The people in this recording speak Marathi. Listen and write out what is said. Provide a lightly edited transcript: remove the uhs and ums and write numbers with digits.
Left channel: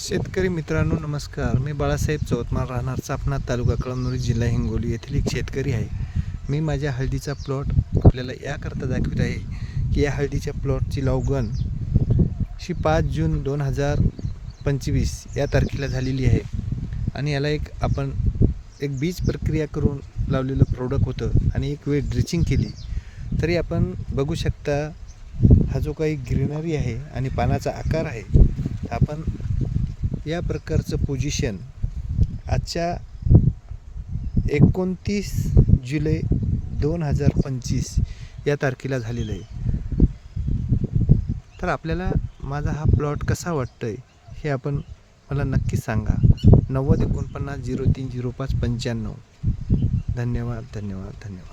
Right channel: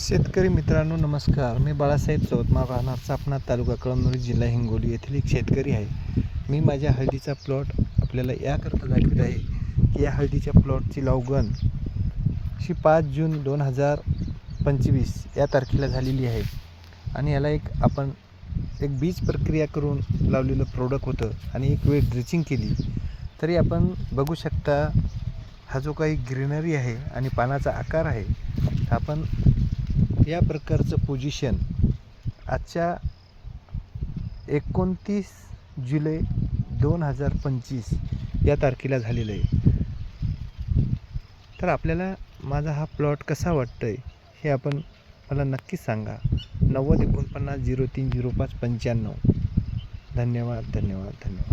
शेतकरी मित्रांनो नमस्कार. मी बाळासाहेब चौतमार, राहणार चापणा, तालुका कळमनुरी, जिल्हा हिंगोली येथील एक शेतकरी आहे. मी माझ्या हळदीचा प्लॉट आपल्याला याकरता दाखवत आहे की या हळदीच्या प्लॉटची लागवड 5 जून 2025 या तारखेला झालेली आहे आणि याला आपण एक बीज प्रक्रिया करून लावलेलं प्रोडक्ट होतं आणि एक वेळ ड्रिचिंग केली. तरी आपण बघू शकता हा जो काही ग्रीनरी आहे आणि पानाचा आकार आहे, आपण या प्रकारचं पोझिशन आजच्या 29 जुलै 2025 या तारखेला झालेलं आहे. तर आपल्याला माझा हा प्लॉट कसा वाटतोय हे आपण मला नक्की सांगा. 90 49 03 05 95. धन्यवाद.